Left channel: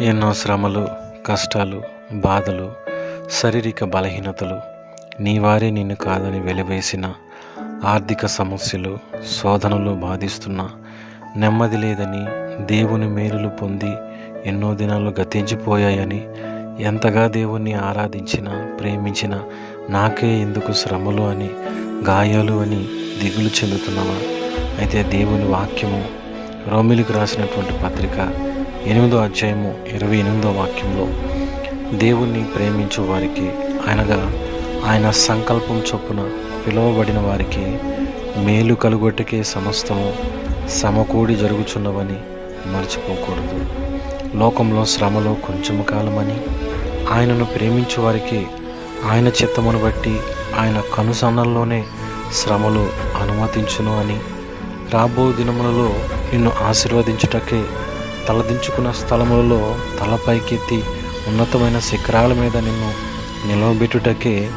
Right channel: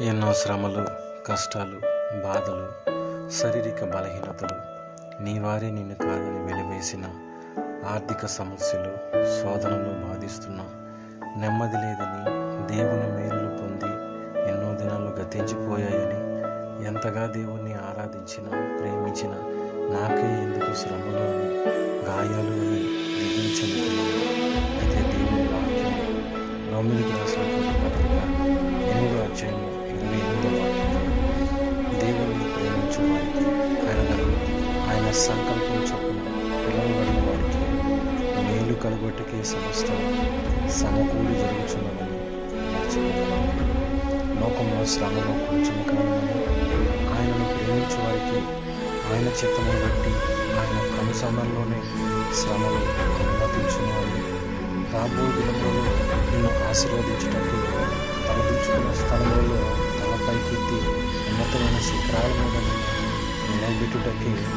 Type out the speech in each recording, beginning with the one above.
ఎన్నో శ్రమలు కష్టాలు బాధలు శారీరక బలహీనతలు నీ వారే నిన్ను కాదని వెలివేసిన ఆర్థిక సమస్యలు శోధనలు బాధిస్తున్న నెమ్మది లేదని దేవుని మేలులు పొంది ఎన్నో దినాలు గతించిపోయాయని ఎంతగా దేవుణ్ణి ఆరాధించిన ప్రేమించిన నాకే ఎందుకు శ్రమలు అని గాయాలు అని దిగులు చెందుతున్నావా? అయితే దేవుని వాక్యము రోమిలికి రాసినటువంటి పత్రిక ఎనిమిదో అధ్యాయము ఇరవై ఎనిమిదో వాక్యంలో దేవుణ్ణి ప్రేమించు వారికి ఆయనగా ఆయన సంకల్పం చొప్పున పిలువబడిన వారికి మేలు కలుగొట్టుకే సమస్తము సమకూడి జరుగుచున్నవని మర్చిపోకూడదు. లోకంలో శ్రమలో కొంచెము కాలమని ఆయనను ప్రేమించు వారికి ఆయన చిత్తమును బట్టి ఆయన కనుసన్నల్లోనే శ్రమలు అనుమతించును అని రాబో దినములలో నిన్ను ఆశీర్వదించుటకే తలదించుకున్న స్థలములలో తలపైకెత్తి ఉన్నతమైన శిఖరాల మీద నిన్ను నిలవబెట్టుటకే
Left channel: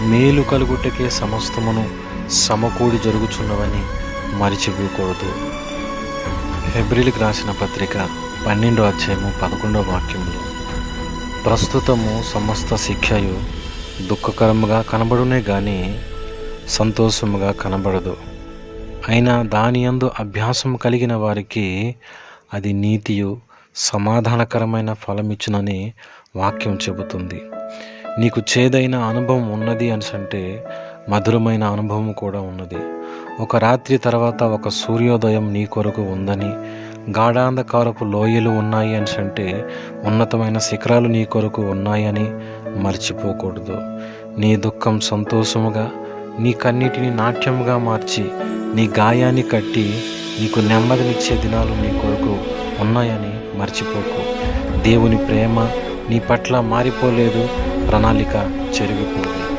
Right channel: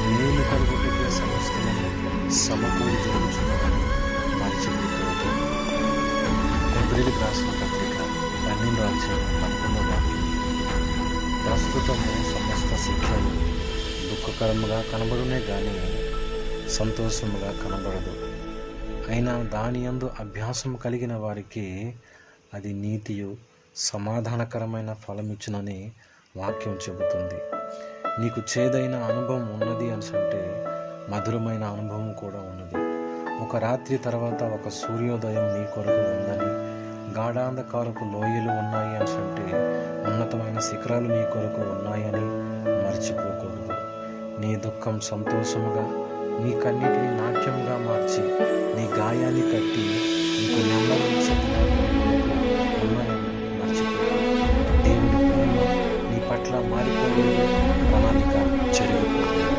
మేలు కలుగుటకే సమస్తమును సమకూడి జరుగుచున్నవని మరిచిపోకూడదు. ఫిబ్రిలికి రాసిన పత్రిక పన్నెండో అధ్యాయము పదకొండో వాక్యములు ప్రస్తుతము సమస్త శిక్షయు దుఃఖకరముగా కనబడునే కానీ సంతోషముగా కనబడదు. అయినా దాని యందు అభ్యాసం కలిగిన వారికి అది నీతియు సమాధానకరమైన ఫలమిచ్చునని వాక్యం చెబుతుంది. నీకు చేదైన అనుభవం ఉన్నది అని అంటే మధురమైన అనుభవం కూడా ఉన్నది. ఒక రాత్రి తర్వాత ఒక సూర్యోదయం నీ కొరకు ఉందని గాఢాంధకారపు లోయలు ఉన్నాయి అని అంటే ఉన్నతమైన శిఖరాలు నీ కొరకు ఉన్నాయని మర్చిపోకూడదు. నీ దుఃఖం సంతోషముగా నీ కన్నిటిని నాట్యముగా మార్చి నీ గాయాన్ని కట్టి నీకు నెమ్మదినిచ్చే దినాలు నీ కొరకు ఉన్నాయని మర్చిపోకు. దేవుని ప్రేమ నీ పట్ల మారిపోలేదు ప్రణాళిక చెరిగిపోలేదు.